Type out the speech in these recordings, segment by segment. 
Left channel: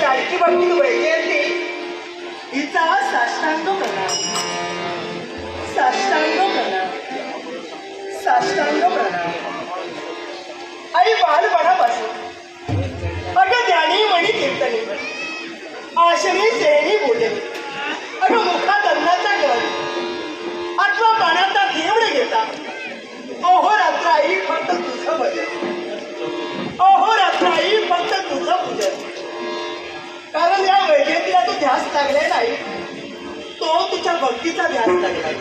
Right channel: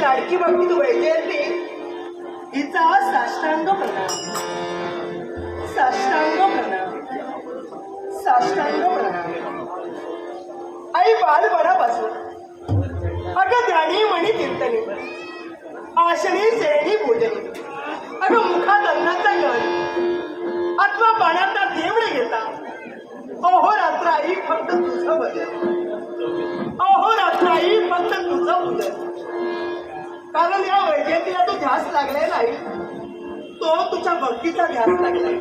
लाडकी बाबती वैजयंती हिचा साष्टांग प्रणाम, साष्टांग प्रणाम, साष्टांग प्रणाम. आई बालपणापासून अगं ध्यानी मणी कीर्तनी आशनी सेनी बोले अगं मुखात अन्नाचा गळ अथवा पाण्याचा घेवड घेता अहोरात्र आई फक्त तुझं भजन, अहोरात्र आई फक्त तुझं पूजन. कारण या वैजयंतीला तू ध्यास लागलाय नाही, तो तुझ्या भक्तीचा ध्यास लागलाय.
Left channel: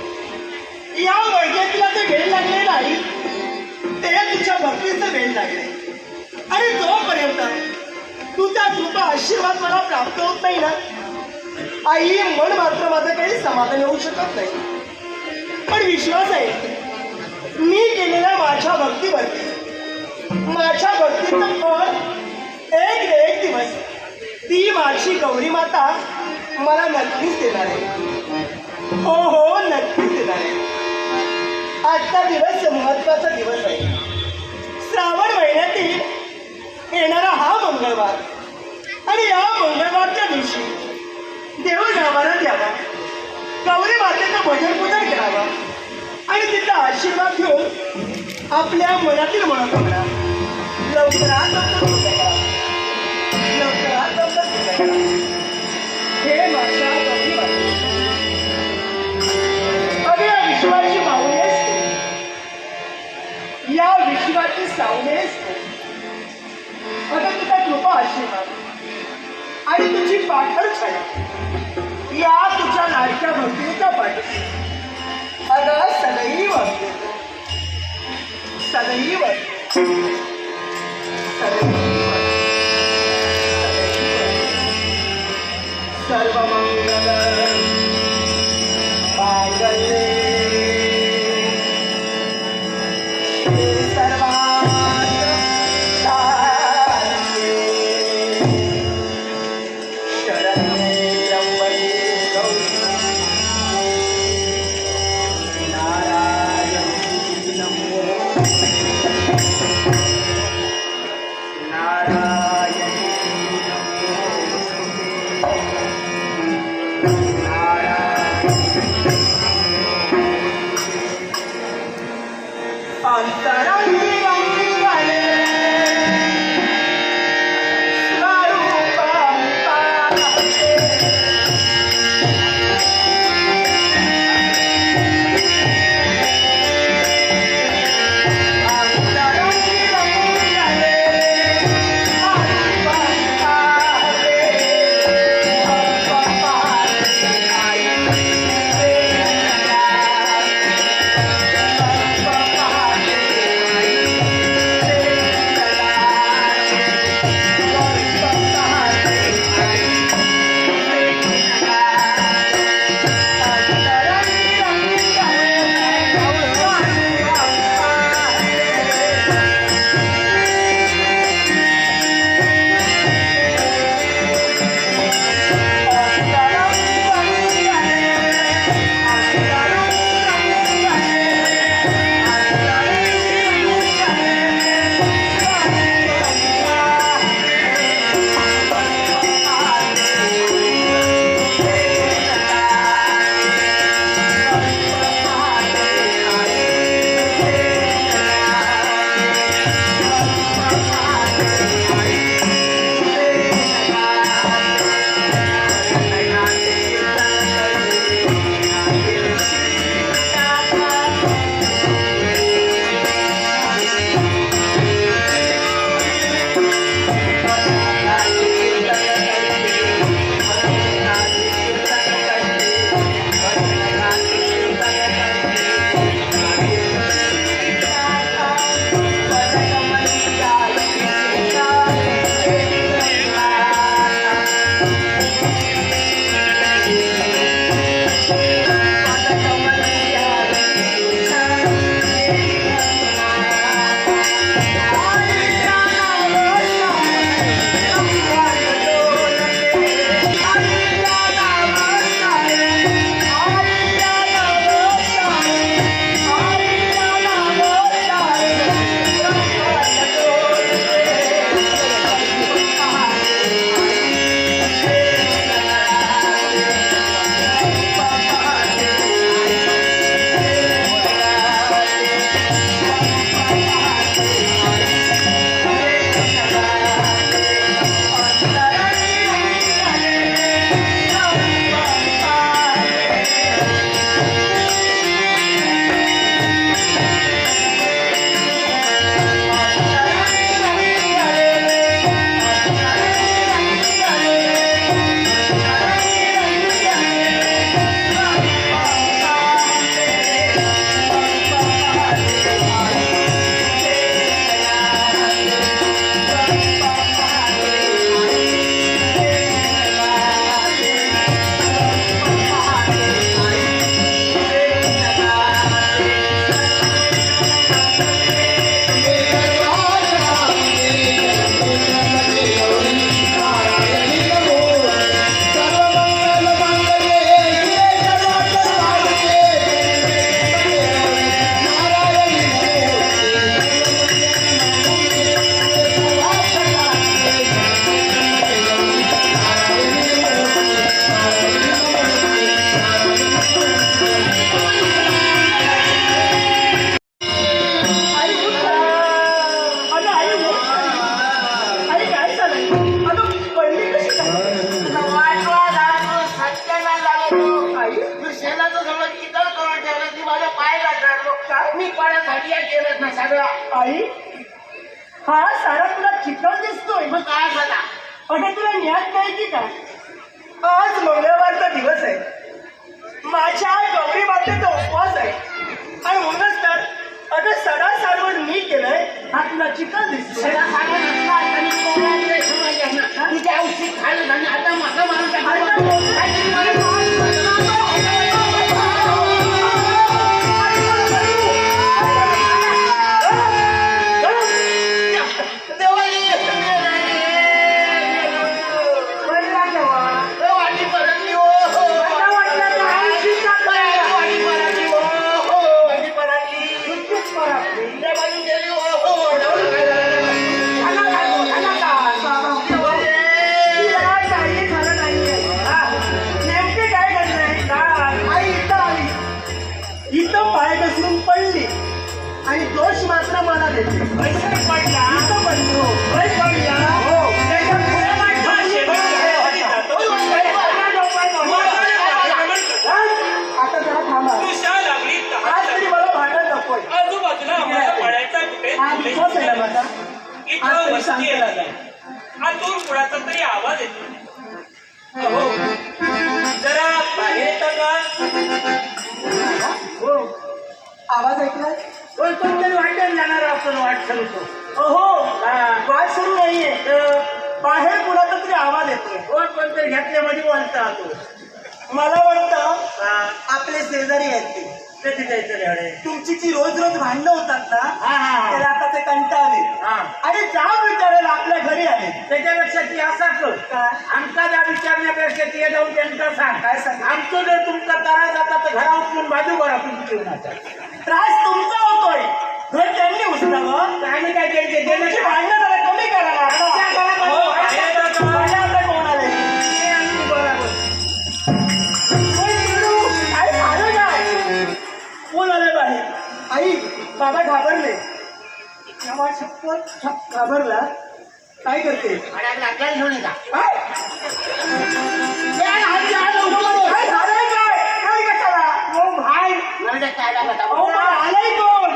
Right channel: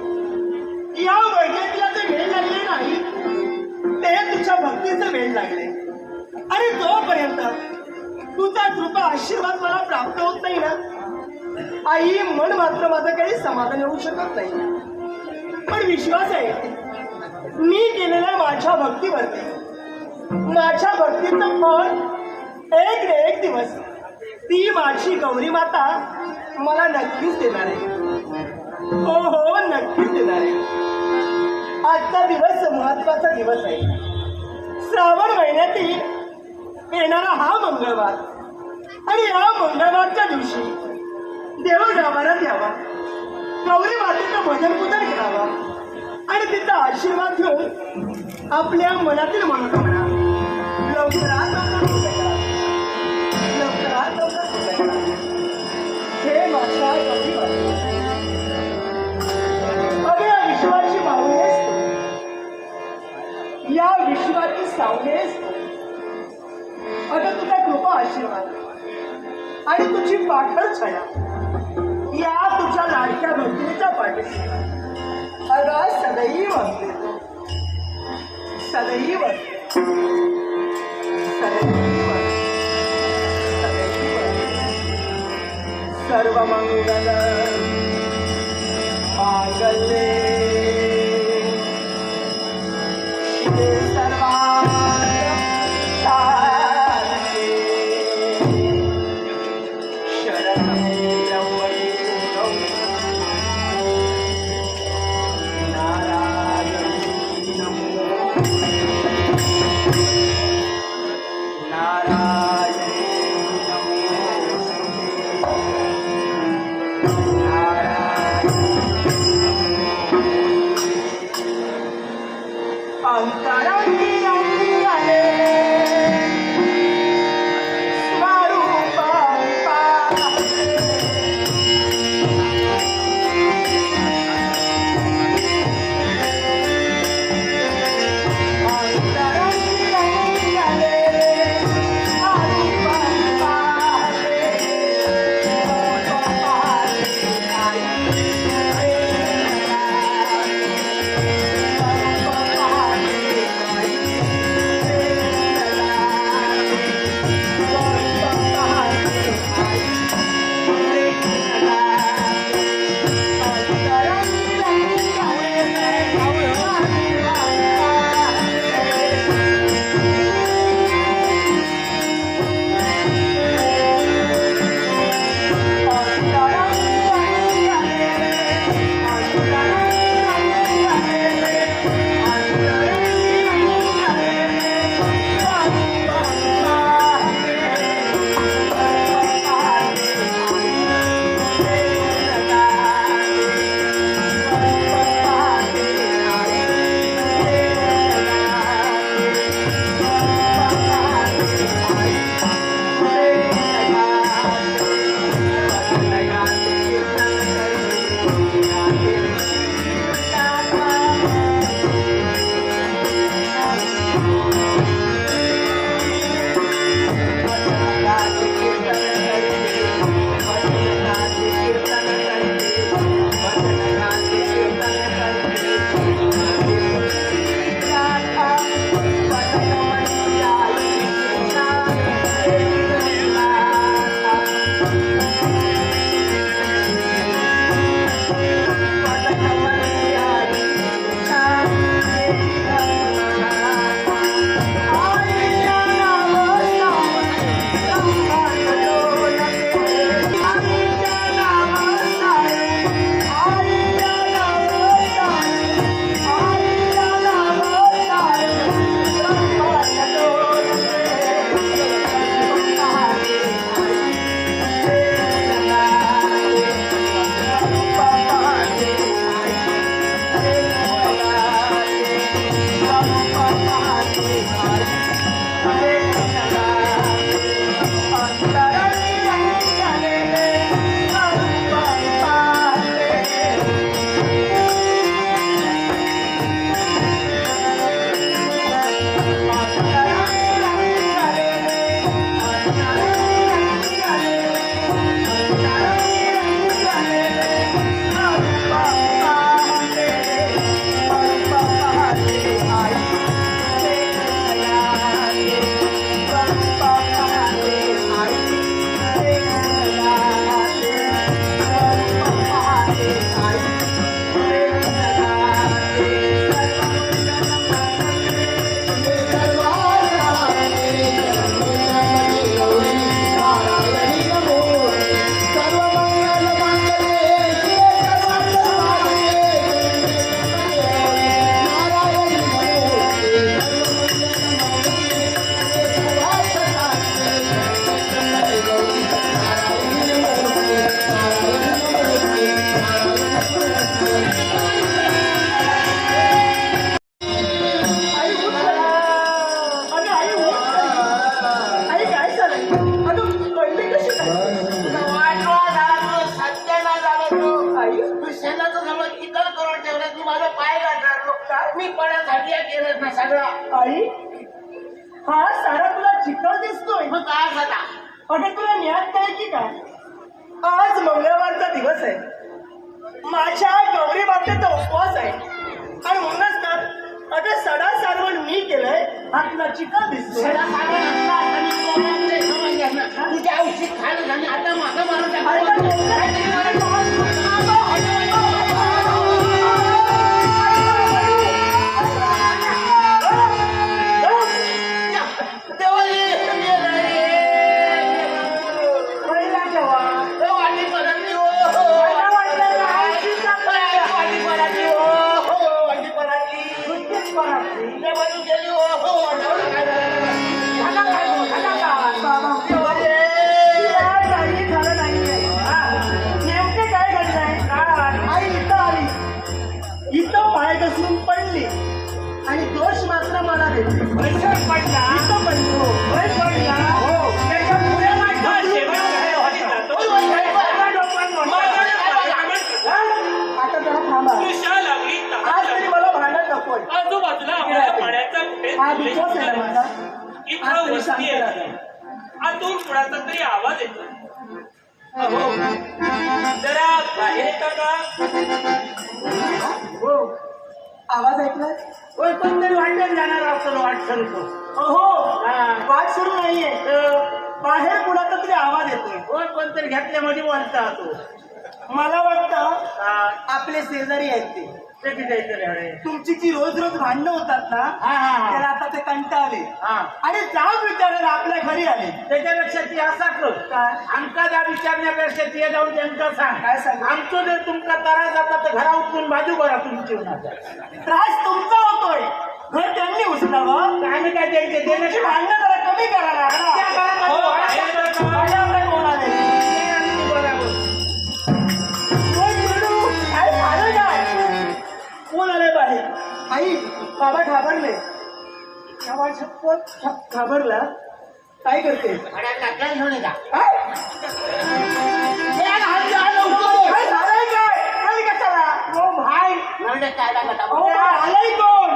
या वैजयंतीला ते वेळ लागले नाही, ते तुझ्या भक्तीचं वेळ लागले. आणि जोपर्यंत तुझा कृपा आशीर्वाद मला प्राप्त होत नाही ना आई, मन मात्र माझं काही समाधान होऊ शकत नाही. पण विश्वास आहे मी केलेल्या माझ्या भक्तीवरती, माझ्या भक्तीचं फळ एक न एक दिवस ती माझी गौरी माता मला नक्कीच देणार आहे. हो हो, नक्कीच देणार आहे. आजचा दिवस महत्वाचा दिवस आहे. श्रावण महिन्यातील येणारा हा मंगळवार आणि या मंगळवारच्या दिवशी देवगावाला द्यावा, गौरी मातेचं भजन पूजन करावं आणि तिचा आशीर्वाद घेऊन आपल्या मनातील मनोकामना लवकरात लवकर करा, लवकरात लवकर करा. हे माझ्या गौरी माते, अगं या विश्वाची पाहुणे असते, या विश्वाची सावली असते. अगं तुझा कृपा आशीर्वाद आणि तुझी पाठर छाया या तुझ्या लाडक्या भक्तीच्या पाठीशी अगं सदैव सदैव सदैव सर्वमंगल मांगल्ये गेलं ना सगळा. आई हा सारा तुला चिकन दिसतोय. मग काय झाला? अगं तुला ज्ञान नाही की काय? आज मंगळवारचा दिवस आहे. माझ्या गौरी बाबतीचा उपवास आहे आणि म्हणूनच तर अगं सडा सारवण मी केलंय. हा तुला चिकन दिसतोय. तुझ्या औषध खायला आणि आता माझं माणूस पाय घसरून पडली आणि दोष मात्र मला देते. पडला आता जरा थांबा. आज तरी मला भांडत नकोय. आजूबाजूला आम्हाला पाण्याचा कुठे हा उपवास आहे ना माझा. इथं आज तरी वस्ती शांत आहे. राहा. आतून कुणाचा तरी आवाज येतो. अहो जरा बाहेर येतं का? हो आवाज ऐकला. कोणतरी वाटेल जाणार आपण वाट ठरवतो. हो वाट सुरू नाहीये. बाहेर कुणाचा तरी आवाज येतोय. कोणतरी घेतल्यामध्ये बोलता तो. मला वाटतं आपले शेजारी आहेत ते. ते तिथे अरे तुमची जी रोज रोज भांडणं होतात ना त्याला आता ते कंटाळले आणि जाब विचारायला आपल्या घरी आले. त्याच्यापेक्षा ती असा कर काय आमचा जा विचारण्यापेक्षा ते जाऊन त्यांना सांग. काय सांग. आमचं जर तुमचा त्रास जाता तर घरा उचलून बाजू करा तुमची जीवनाचा. त्रास तुमचा होतोय. घर त्यांनी उचलावं. आम्ही काय द्यायचे त्यांची भांडणं जरा कमी करायला माझ्या आता कोण आले. आई झालं काय? कोण आले बाहेर? आई बाबा घाबरले. तेव्हा शपथ घाबरला. काय करते? काय घेऊन येता काय झालंय काय? काय कशाला? हो भाई नरड्यात काय लागला अहो, आलाय कोण?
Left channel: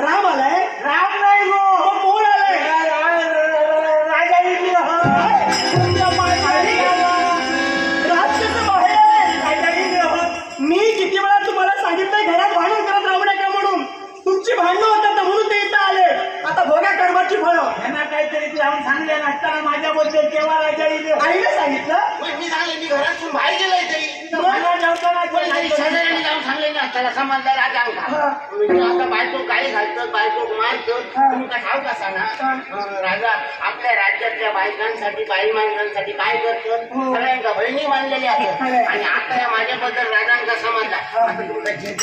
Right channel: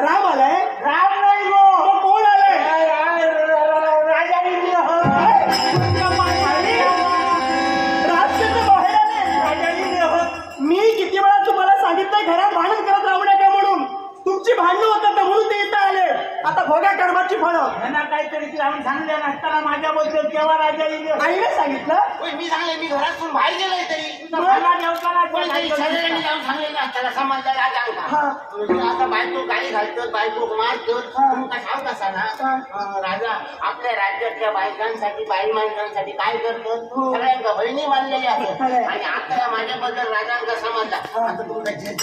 राम आलाय. राम नाही गो मग कोण आलाय? राजा इथे हो. राजकीय बाहेर आलाय. राजा इथे हो. मी किती वेळा तुम्हाला सांगितलंय घरात भांडण करत राहू नका म्हणून. तुमची भांडणं होतात ना म्हणून ते इथं आले. आता भोग्या कर्माची फळं. यांना काहीतरी लावून सांगले नसताना माझ्याबद्दल केव्हा राजा इथे आईने सांगितलं. मी सांगले मी घरातून बाहेर गेलोय तरी शेजाऱ्यांनी जाऊन सांगले ना त्याला समजलं राजा हा. म्हणजे आता बायको गाडी घालतो बायको मारतो हा. तुमका ठाव कसा ना राजा आपल्या राज्यातल्या बायकांसाठी बाई माणसांसाठी काय करतो हो. सगळ्यांका बहिणी मानलेली असत खरंय. आणि आता या माझ्याबद्दल राजांचा समजला आता तुमचा झेल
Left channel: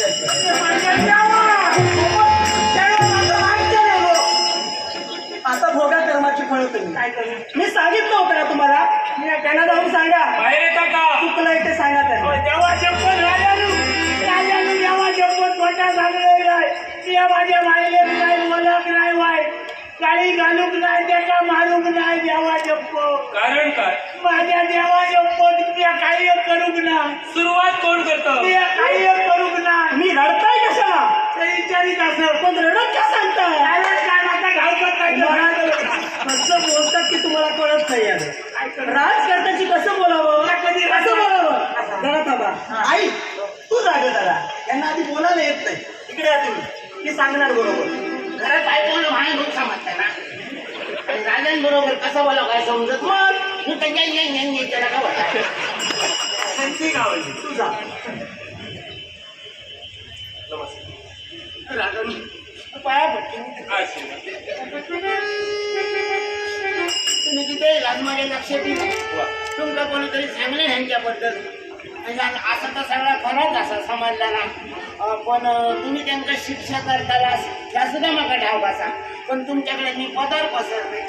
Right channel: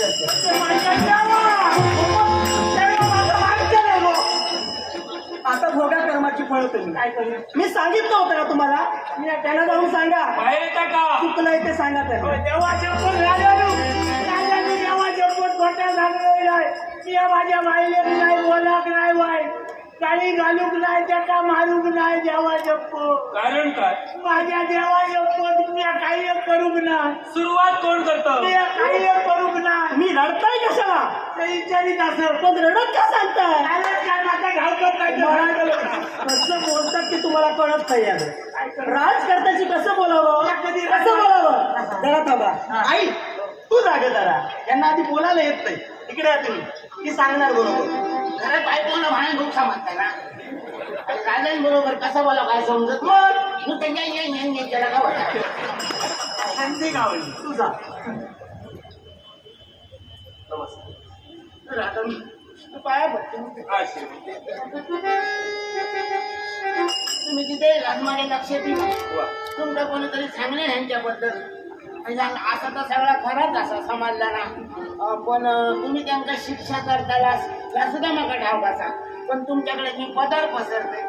आता भोगा कर्माची फळं तुम्ही. काय करू मी सांगितलं होतं ना तुम्हाला. त्यांना जाऊन सांगा. बाहेर येता का? चुकलंय ते सांगा त्यांना. तेव्हा शपथ राजानं तेव्हा शपथ मोठा सांगलेला आहे या माझ्या माईले नाही बोलाक नाही वाय काळी घालूक नाही त्याका मारूक नाही देवा शपथ कारण काय? माझ्या देवा शपथ मी काही एक करूक नाही सुरुवात कोण करतं? मी काही एक करूक नाही मी रडताय कशाला? ते विचारित असं पण रडत का सांगताय? कसं बोलतात की तुम्हाला कळत नाही आलं. राजकारणाची कसं बोलावं कसं बोलावं. जरा थांबा. आई तू जागा जरा. त्यांना आधी बोलायला येत नाही. इकडे या तुम्ही. मी सांगणार बरोबर. घरात बायकोला भांडण खूप समजता ना आणि राजांबरोबर कसं बोला काय समजत मग मग त्यांच्या त्याला काय वाटतं त्यांची गावली. तू जा. राजा पाया पडतो आशीर्वाद. तुम्ही तिथे येलात माझ्या लक्षात येईल तुमका कोणीतरी सांगले ह्यांच्याबद्दल म्हणजे असं तर सगळा खराच असा समजला ना पण तुम्ही त्यांना शिक्षा करताला त्या सुद्धा मला ठाव कसा पण तुमच्याकडे मी पदार पसरते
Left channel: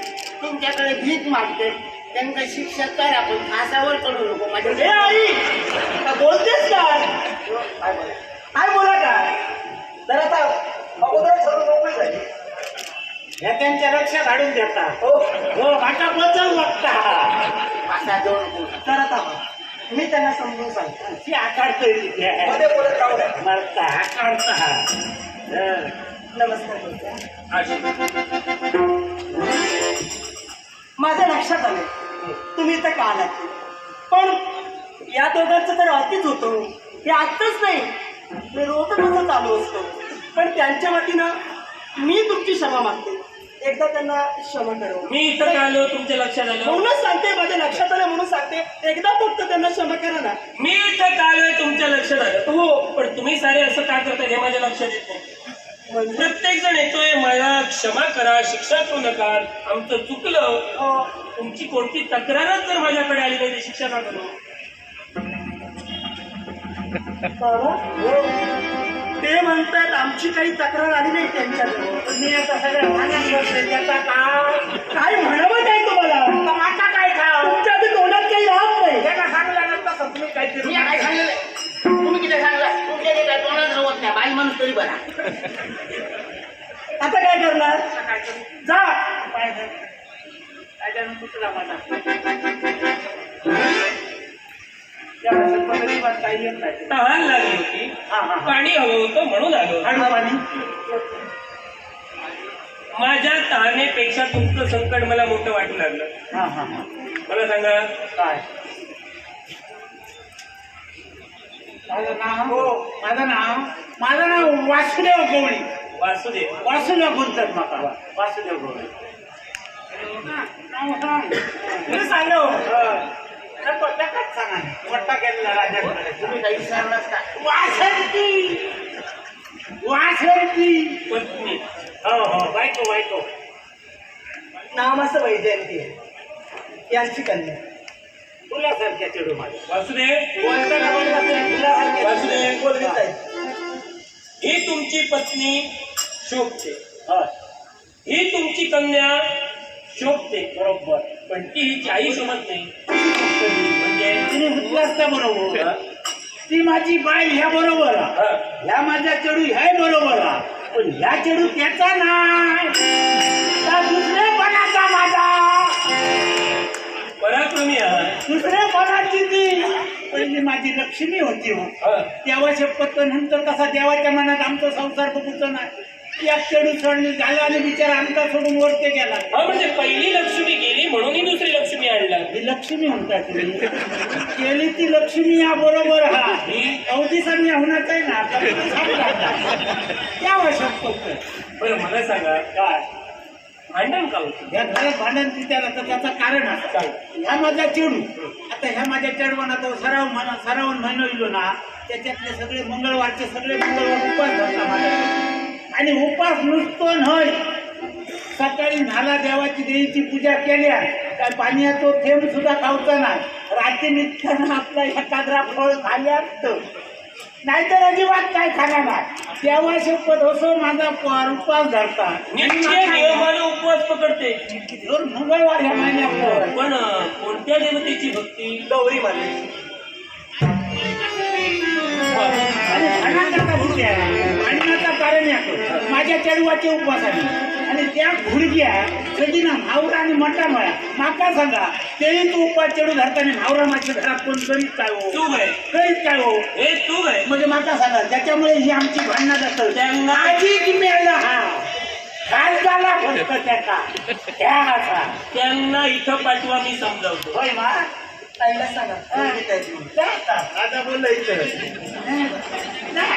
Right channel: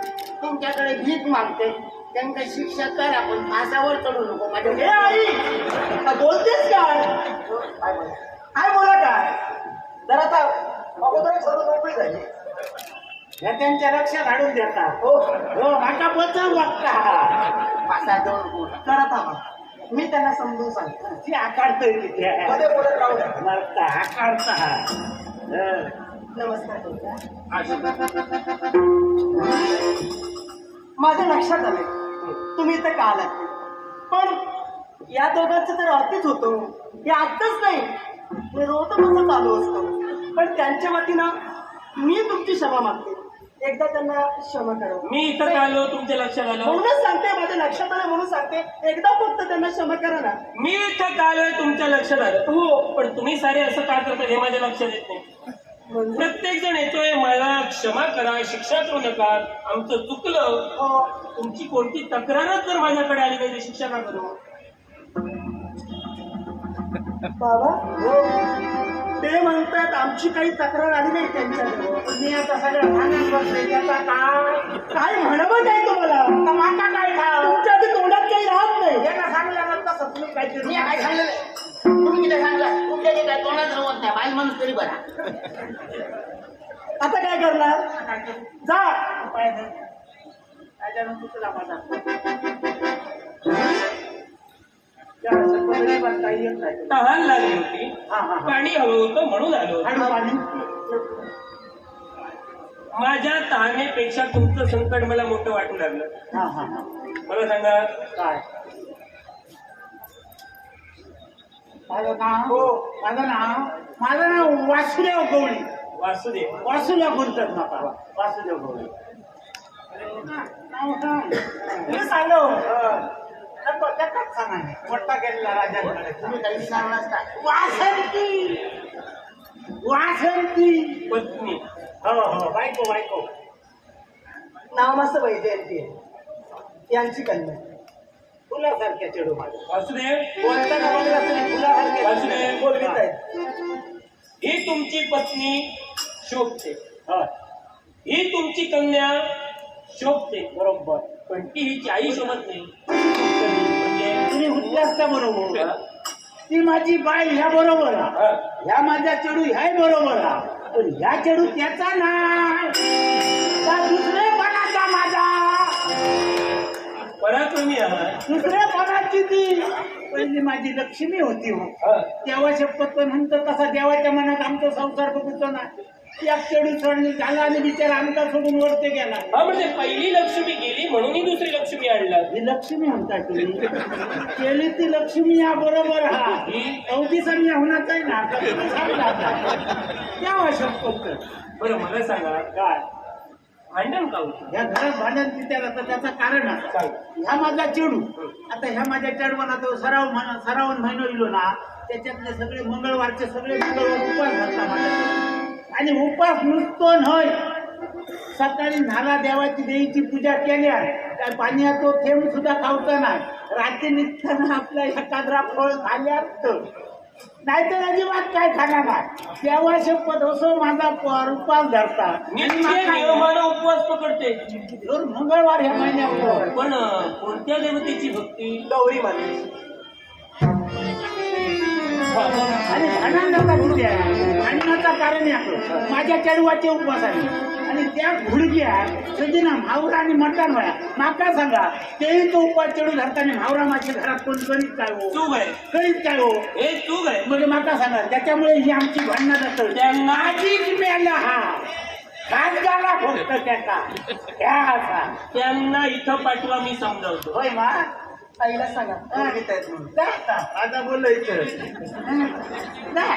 तुमच्याकडे भीक मागते त्यांना शिक्षा करा पण फासावर करू नको माझ्या ए आई आता बोलतेस काय? काय बोला काय? जरा आता अगोदर सर्व मोकळी झाली. ह्या त्यांच्या रक्षा काढून देता हो हो माझा बचाव लागता फासा देऊ नको जरा थांबा. मी त्यांना समजून सांगतो. ती आकारतोय मध्ये बोलत राहू द्या. मरता आकारता नमस्कार बोलता. आशीर्वाद. माझ्या लक्षात आलं तुम्ही इथं का आलात, पण या दोघांचं तर अतिच होतं. हे आत्ताच नाही, रोजच चालू असतं. पण त्यांच्या वतीनं मी तुमची क्षमा मागते. एकदा त्यांना क्षमा करा. मी इथं का आलो तुमच्या लक्षात आलं? म्हणूनच सांगते, माझ्या लक्षात आलं म्हणून सांगते. एकदा फक्त त्यांना क्षमा करा ना. मी इथं का आलोय तुमच्या लक्षात आलं? हो. पण तुम्ही सारे असं का करताय हे माझ्या लक्षात येत नाही. म्हणजे प्रत्येक जण येतोय मला क्षमा करा, शिक्षा करू नका, आमचं चुकलं. तुमची कोणती तक्रारच जर माझ्याकडे आली नाही, शिक्षा का करू? बाबा ते म्हणतायत आमची काही तक्रार आली नाही त्यांच्याजवळ. मी आता सगळं भांडण करतोय त्याचा काय म्हणावं नाही तुम्हाला. तमाशा काय खाव तुमच्या आधी तोंडात काही राहत नाही. त्यांना सांगलं ना तसं तुम्ही काहीतरी. मी काय सांगलेलं आहे? तुम्ही किती सांगलं? तुमच्या ते काय तोंडात रवत नाही, बाई माणूस तरी बरा. आता काय करणार? काय करू? जा. काय करू? काय करू? चुकला माझा. त्या पद्धती पण काही येत नाही. तहान लागली होती, पाणी हवं होतं म्हणून आलो. हळू पाणी. माझ्या तहानेपेक्षा तुमचं संकट मला मोठं वाटू लागलं. मला सांगा काय माझं नाव वासुदेव गवळी. वासुदेव. वासुदेव बोलतात मला. वासुदेव गवळी. नाव सांग. मी सांगा हो. सांगा मोठा केलेला राजा. तुम्ही काही सांगलाच का? वासंती. वासंती. पत्नी. हो बायको बायको. नाव असं वैजयंती आहे. यांची कन्या. फुलासारख्या चेडू माझ्या. वासुदेव. कोणता का बोलला तरी फुलासारख्या. वासुदेव. बोलवीत आहेत. ही तुमची पत्नी शोभते, हा, ही तुमची कन्या शोभते, बरोबर. पण ती हिची आई शोभत नाही. म्हणजे तिने उठलं असता बरोबर. ती माझी बाई ह्या बरोबर. ह्या माझा चेडू ह्या बरोबर. पण ह्या चेडू त्याचा नाही, त्या दुसरेपणाचा माझा. पराक्रमी आहे. दुसरेपणाची ती पहिली माझी लक्ष्मी होती हो. देवा शपथ नंतर कसा देवाच्या मनात आमचा संसार बघूचा नाही. एक चेडू सोडली झाला आणि बिचारा आमचा सोडून वरते गेला. हा म्हणजे पहिली लक्ष्मी गेली म्हणून ही दुसरी लक्ष्मी आणला. ही लक्ष्मी म्हणता तुम्ही. केली ती लक्ष्मी या बरोबर. हा ही अवधीसामी होणार आहे ना. त्या शक्य बरं मला सांगा काय भांडण का होतं? ह्या घरात भांडण तिथे त्याचं कारण असं. ह्या माझा चेडू आता ह्या माझ्या चेडवाना तो सरावून महिना इलो ना. त्याच्यातले सगळे मंगळवारचे सगळे मंगळवार उपास धरला माझ्या. आणि उपास नुसतो नाही, सकाळी न्हाला देवाची देवीची पूजा केल्या काय पाण्याचा थेंब सुद्धा खावचा नाही. रात्री निघताना आपला एखादा फळ खाल्या नाहीतर अजिबात काय खाणार नाही. देवा शपथ असो माझा उपास धरता. नित्य नियमानं उपवास पकडते. दर मंगळवार ह्या महिन्यात. पण कोणत्या देवतेची भक्ती? गौरी माते. आणि भांडणाचा कारण याकडं माझ्या चढवाचे उपवास आहे. आणि त्या घुडक्या कधी ना भावरा आणि मटण वया माका सांगा तेही तो उपास चढू धरताना भावरा माझ्या घरात कोण करीत काय हो, चूक आहे, करीत काय हो. हे चूक आहे. म्हणजे माका सांगा त्याच्यामुळे ही आमची भांडणं जातं. त्यांना आधी मेला हा घास झाला फक्त त्याचा त्या असा. त्यांना इथं पाठवा, मी समजावतो. होय मा आईला सांगा बोलवीत आहेत म्हणून. जा आता. आता बोलायचं जा.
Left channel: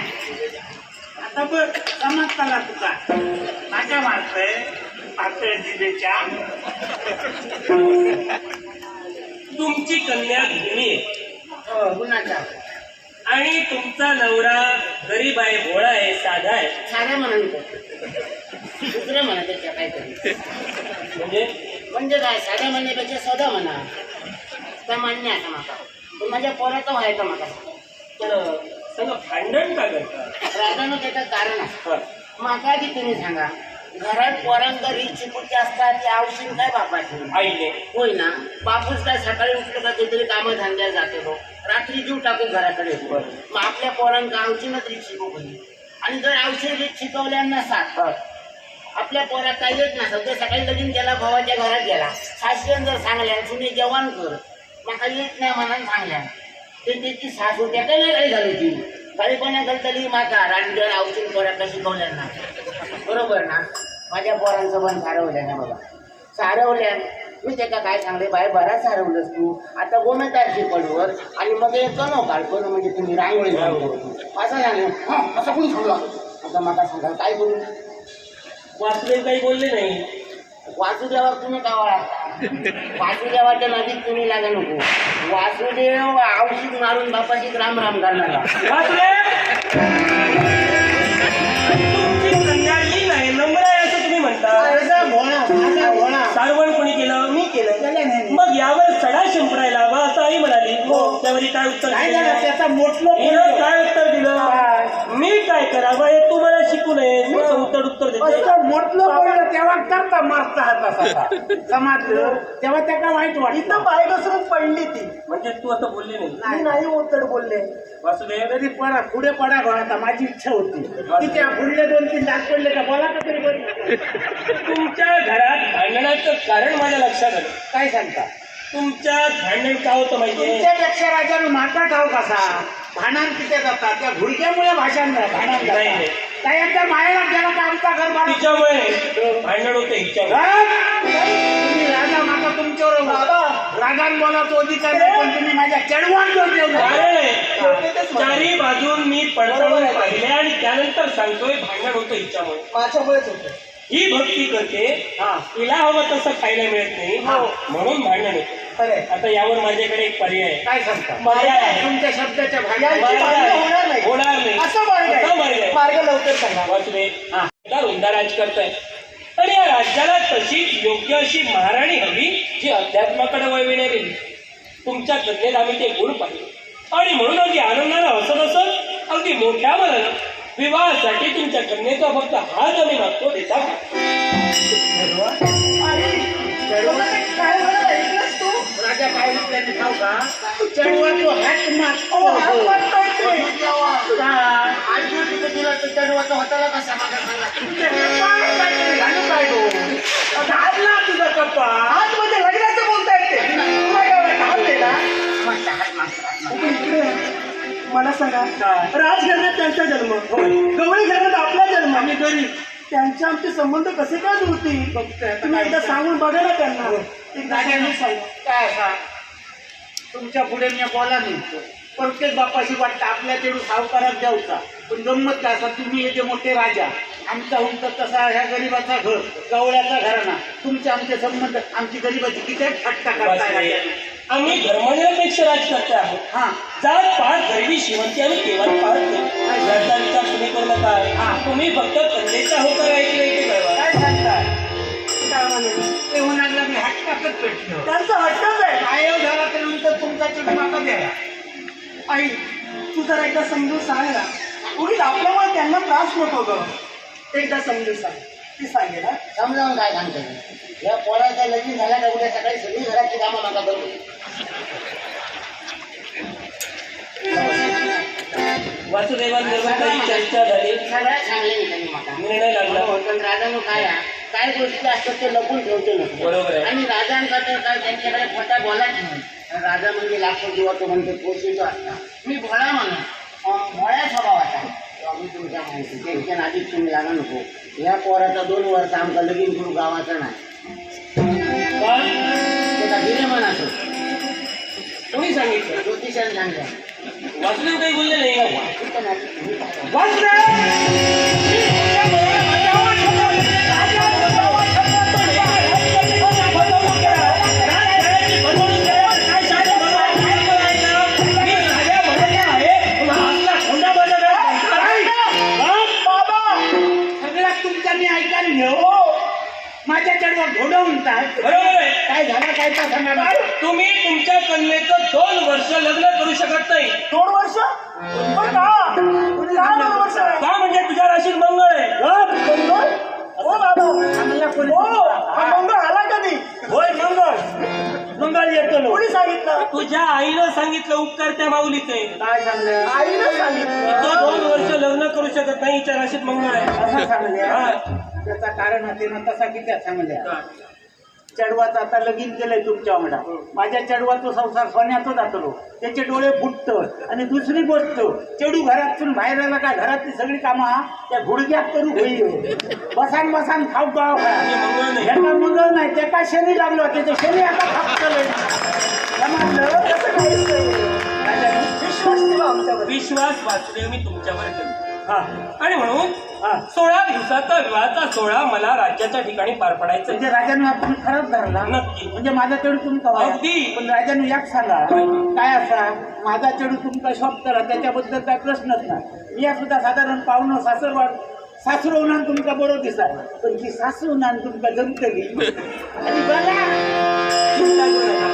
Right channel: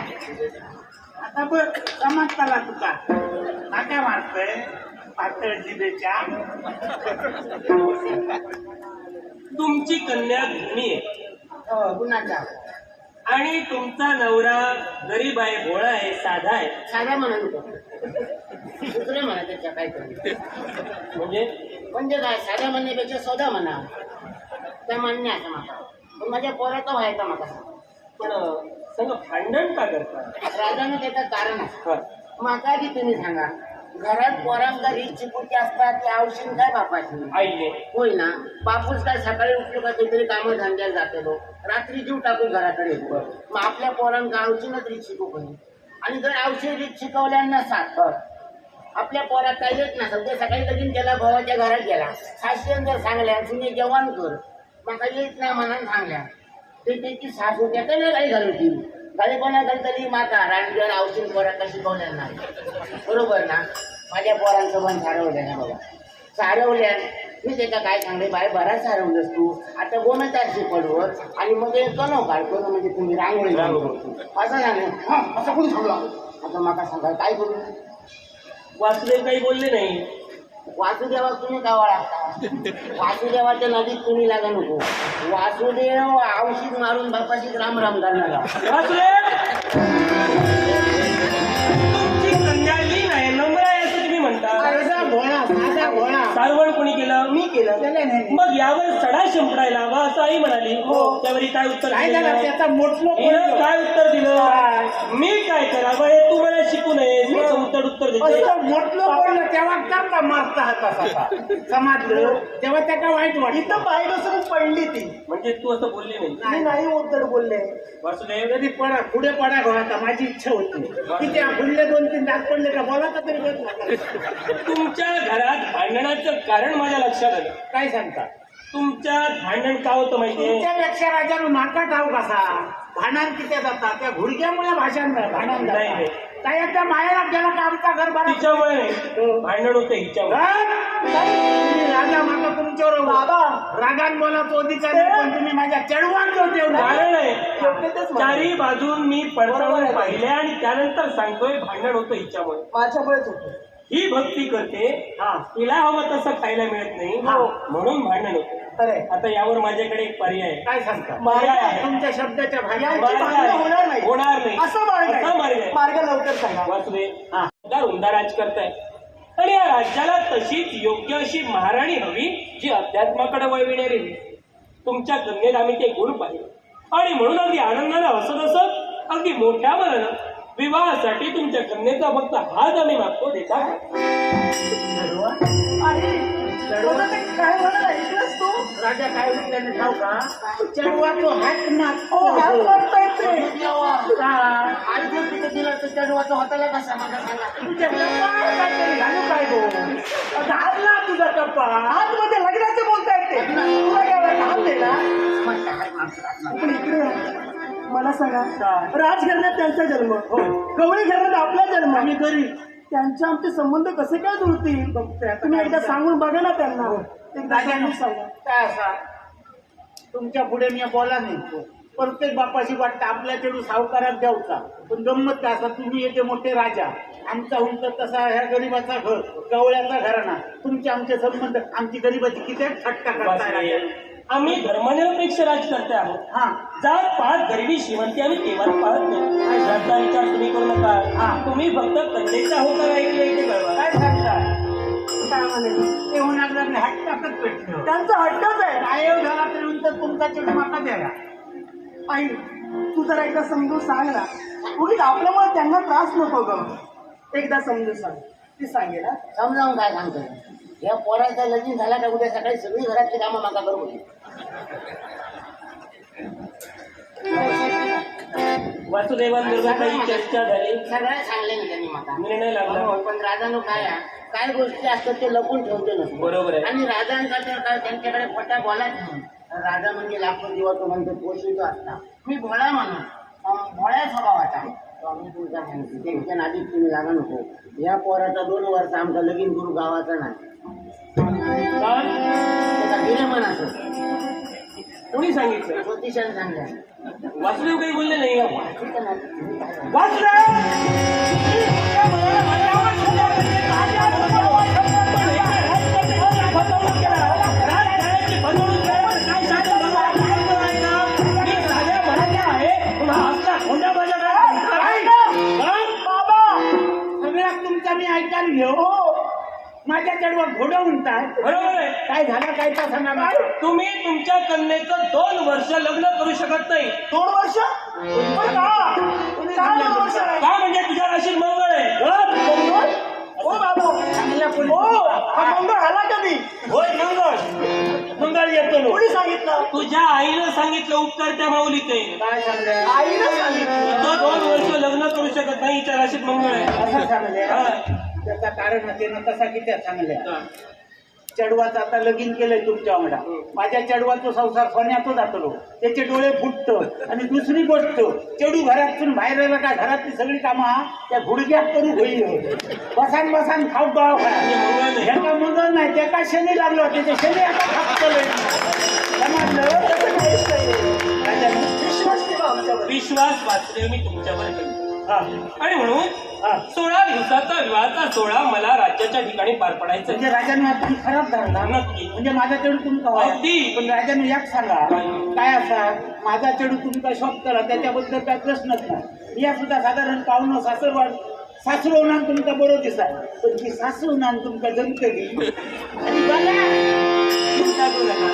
आता बघ समाजताला तुका माझ्या मारतोय पातळ जिभेच्या. तुमची कन्या धर्मी आहे कुणाच्या आणि तुमचा नवरा गरीब आहे, भोळा आहे, साधा आहे. साध्या म्हणाल दुसरं म्हणा त्याच्या काहीतरी. म्हणजे काय साध्या म्हणण्यापेक्षा सौदा म्हणा त्या मान्य आहे माका. पण माझ्या पोराचं व्हायचं माका. पण सगळं भांडण का करतात? राजानं त्याचं कारण आहे. हा. माका आधी तुम्ही सांगा घरात पोरांचा रीत चिपूची असतात ते औषध काय बापाची आईने होय ना. बापूस काय सकाळी उठलं का काहीतरी कामं धंद्याला जाते रात्री जीव टाकून घराकडे येतो. मग आपल्या पोरांना औषधच रीत शिकू पाहिजे. आणि जर औषध रीत शिकवल्या नसतात आपल्या पोरात काही येत नसत तर सकाळी लगीन केला भावाच्या घरात गेला सासऱ्यानं जर सांगल्या तुम्ही जेवण कर माका येत नाही म्हणून सांगल्या ते त्याची सासू त्याला काही झाली ती काही कोणा तरी माका रानगड औषध पोरांना शिकवल्या ना बरोबर ना. माझ्या पोरांचं पण सारवल्या ना बाबा सारवल्या. मी त्याचा काय सांगते बाय बराच सारवलंस तू आता गोमतारची पडवर आणि मग हे कनो काढतो म्हणजे तुम्ही रांगोळी असं झालं. हा असं कोणी सांगला आता मला सांगा काय करू. वासुदेव काही बोलले नाही. वासुदेवा तुम्ही कावळा वासुदेवाच्या नदीत तुम्ही लागा नको. वासुदेव औषध मारून बापाशी राम राम करणार. वासुदेव तुमची कन्या ही नाही नम्र आहे असं तुम्ही म्हणता. माझा घोणा सारवण कोणी केलं. मी केलं त्याला नाही. मग यावर सडा शिंपडायला हवा असं आई म्हणाली. त्यावर काय उत्तर काय दिलं? झालं त्याचा मोठलो हिनं काय उत्तर दिलं. मी काय करावं हे तू मला शिकू नये. मी उत्तर देते. मोठलो पडलं तेव्हा करता मारता हाता समजलं तेव्हा त्याला वाईट वाटत. इथं पाय घसरून पडली ती. म्हणजे तू असं बोलले नाही. मी नाही उत्तर बोलले. वासुदेव तरी पडा पुढे पडा घोळा माझी इच्छा होती की त्या पुढले 2-3 दात पडले का बोला का तरी बोल. तुमच्या घरात भांडणाचं कारण माझ्या लक्षात आलं. काय सांगता तुमच्यात भांडण का होतं माहितीये. तुमच्यापेक्षा राजाने माता ठाव कसा भांडण किती जातात त्या घुडक्यामुळे भाषण भांडण नाही. काय एकदा माहेरात गेला का आमचा घर बारा तिच्यामुळे भांडण होतं हिच्यामुळे. तुम्ही राजा माता तुमच्यावर बाबा रागान बोलायचं अधिकार नाही पण तुम्ही माझ्या चढवांवर ठेवलं. कारण आहे चारी बाजून मी पडताळून पाहिले आणि त्यानंतर सांगतोय भांडण होतं हिच्यामुळे. माझ्यामुळेच होतं. ही भक्ती करते तिला हवं तसं खायला मिळत नाही म्हणून भांडण होतं. खरंय. आता यावर माझ्याकडे एक पर्याय आहे. काय सांगता मार्ग आहे. तुमच्या शब्दाच्या यांची भागात भांडणं होणार नाही. होणार नाही. असं मार्ग असा मार्ग आहे. आहे. मार्ग लवकर सांगा. वासुदेव उमदा राज करताय आणि या राज्याला तशीच योग्य अशी महाराणी हवी जी अध्यात्माकडे वळविणारी. तुमच्या कन्येत आम्ही ते गुण पाहिले आणि म्हणून अगदी आनंदानं हसत असत अगदी मोठ्या मनानं विवाहासाठी तुमच्या कन्येचा फक्त हात आम्ही मागतो देता का? अरे, तुला ते काय म्हणत ऐकलंस तू? राजा काय विचारले ठाव का चढवा तो हात मागतो. हात मागतोय ते. चढवाचा हाताला कसा दाबला तुझा कप्पा. हात मध्ये लग्नाचं बोलतायत ते. तुला काय वाटतं? हात दिला? तू इकडे ये. मला सांगा राजघराण्यात त्यांचा जन्म गवळी घरात आपला जन्म आणि गरीब त्यांचे आमचे संबंध कसे काय जुळतील. तुम्ही एकदा सांगून बघा ना त्यांना. एकदा सांगून सांगा. काय असा तुमच्या पुढे मी बोला नाही प्रत्येक बापाशी वाटतं आपल्या चेडू सावकारात द्यावचा पण गंमत काय असा तुम्ही येते मोठे राजा आमचा उंच तसा ह्या गरीबाचा घर गवळ्याचा घराणा तुमचे आमचे संबंध आमची गरीबाची किती थट्टा करताय. आम्ही धर्मनिरपेक्ष राजकर्ते आहोत. हा जात पाहत गरिबी श्रीमंती आम्ही केव्हा पाहत नाही. याचा विचार तुम्ही करू नका. तुम्ही फक्त कन्येच्या होकार ऐकले इथे कळवा. काय सांगता काय म्हणत ते होणार मी हट्टातच पेटलो त्यांचा हट्टच आहे. आयोग झाला तर तुमचा चेडू माका द्यावा. आई तू जरा एकदा समजून सांग ना. उगीच आपल्यामुळे त्यांना त्रास नको ग. एकदा समजून सांग. ती सांगेल हा. समजावून काय सांगतो या पोराचा लगीन झाला का उद्या सकाळी सगळी घरातली कामं माका बरोबर वासुदेवांबरोबर काही चर्चा झाली. सगळ्या चांगले नाही माका निर्णय लागला. पण राजानो काय गोष्टी असतात ते लपून ठेवतो नसतो. बरोबर आहे. आणि राजांचा तर काय त्यांच्याकडे पट्टा बोलायचं नाही. राजा म्हणजे लाखो दिवा तो म्हणतो पोषितो असता. मी भोळा म्हणा भोळ्या स्वभावाचा आहे. मी तुमच्या माहिती त्यांच्या नादीत तुम्ही लागा नको. या पोराचा 2 वर्ष आमचा लगीन करू गावाचा नाही त्याचा गिरेमन असो कोणी सांगितलं. ज्योतिषाने सांगलं वासुदेव काही बोलले नाही. सगळ्यात तुमचा मी ऐका हो माझ्या चढवा घोडं म्हणतात. बरोबर आहे. काय झालं काय तर सांगा. तुम्ही तुमच्या कन्येचं 2 वर्ष लग्न करू शकत नाही. 2 वर्ष पण का? का 2 वर्ष आहे? का म्हणजे तुझ्या राशीत मंगळ आहे. मंगळ? हो बाबा. चांगल्या हो हा मंगळ आला कधी? होय मंगळ येतो. कोणी सांगितलं? तुझ्या आईनं सांगितलं उपकार त्या माऊलीचे. काय सांगलं आईनं सांगितलं. तो 2 वर्ष लग्न करू शकत नाही. हिच्या राशीत मंगळ आहे. असं सांगले हा. त्याचं कारण होते ना तसा किती चांगल्या चढवाचं आता लगीन केलंय तुमच्या वांगडा. माझ्या चढवाचा संसार सोन्यातच जातलो. त्याचे डोळे फुटत. आणि दुसरी गोष्ट, चढू घरातून बाहेर आला काय घरातली सगळी कामं त्या गुडघ्यात करू होईल. बसान बसान खाऊ पाव का ह्याचा मुदल नाही त्याचा शनी लागलो. त्याच्या शनी आता खापतलंय. समजलं? तसं काहीच नाही. राजाने विश्वास ठेवा आमच्यावर. विश्वास वाचले मी तुमच्यावर ठेवतो. हा आणि म्हणून 16 दिवसाचा विवाहाचा सोहळा मला राज्याच्या ठिकाणी पार पडायचा म्हणजे राजाने तुम्ही खराब धरला. नक्की. म्हणजे माझा चढू तुमचा व्हाया. अगदी. पण राजाने एक सांगा काय असा माझा चढू तुमचा शॉप करा त्याच्याबद्दल काय प्रश्नच नाही. या सुद्धा साधारण पाहुणं सासरवाड सासरवणार तुमका बरोबर दिसाय. पण ती सासरवणार तुमका जमतली आणि बघा चिंता करू नका.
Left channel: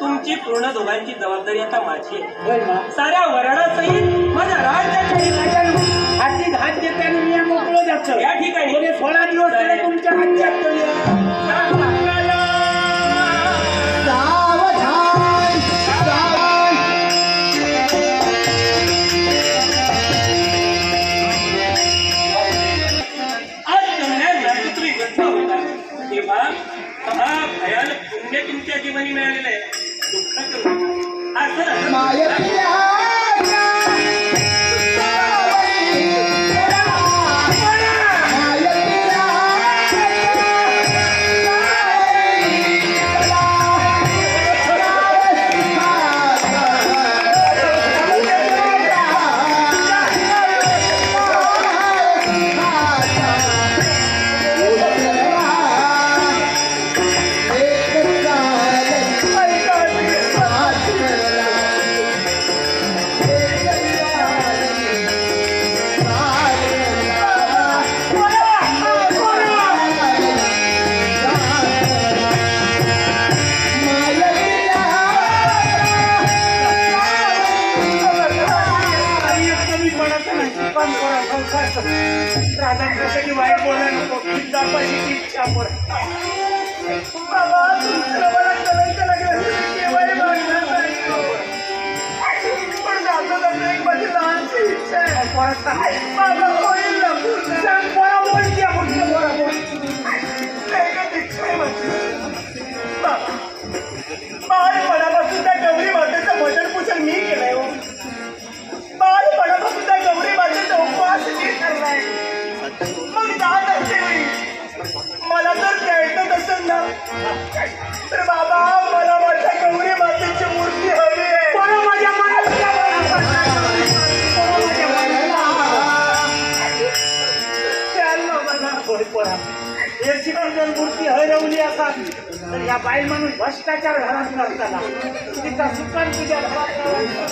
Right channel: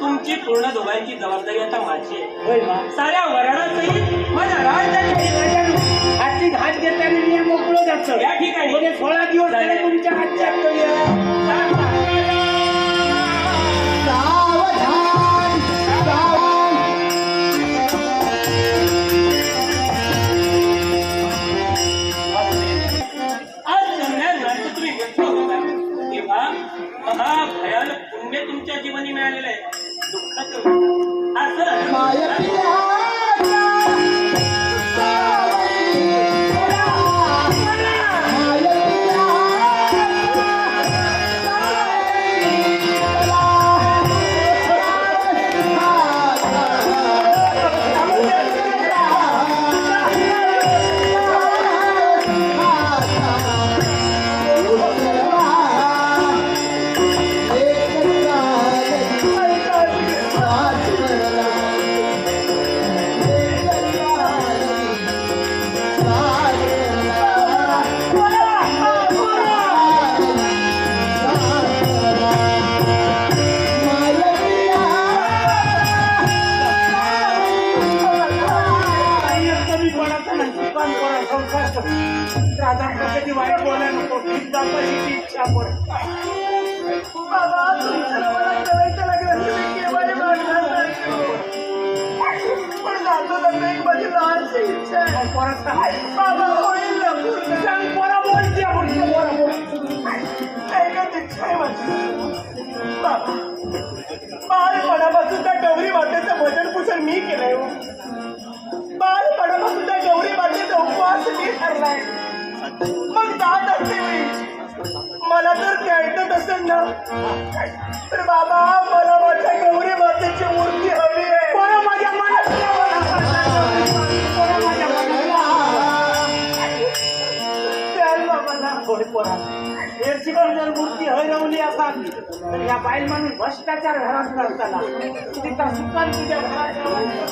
तुमची पूर्ण दोघांची जबाबदारी आता माझी आहे. होय मग साऱ्या वराडासहित माझ्या राज्याच्या राजाने हाती हात देताना मी मोकळं जातो. या ठिकाणी. म्हणजे 16 दिवस तरी तुमच्या राज्यात आज जमण्यात तुम्ही व्यक्त होता तेव्हा महाभयानक पुण्य तुमच्या जीवनी मिळालेलं आहे. दुःख करू नका. असं राजांकडे वाईट बोला नको. इच्छा बाबा तुमचं मला करायचं लागलं केव्हा मागणार नाही. पण माझं लग्न एक माझी लहानशी इच्छा आहे. बाबा होईल ना पूर्ण. एकच इच्छा आहे माझी. बाबा बालपणापासून त्या गौरी मातेचं भजन पूजन मी केलंय हो. बालपणापासून त्या गौरी मातेचा उपवास मी ठरलाय. मग जात असते मी मला जर द्यायचं असेल ना तर बाबा मला माझ्या गौरी मातेची मूर्ती हवी आहे. माझ्या मूर्ती हरवली असावी तर या बाईल माणूस भ्रष्टाचार घरात करताना तिचा सुकान तुझ्या घरात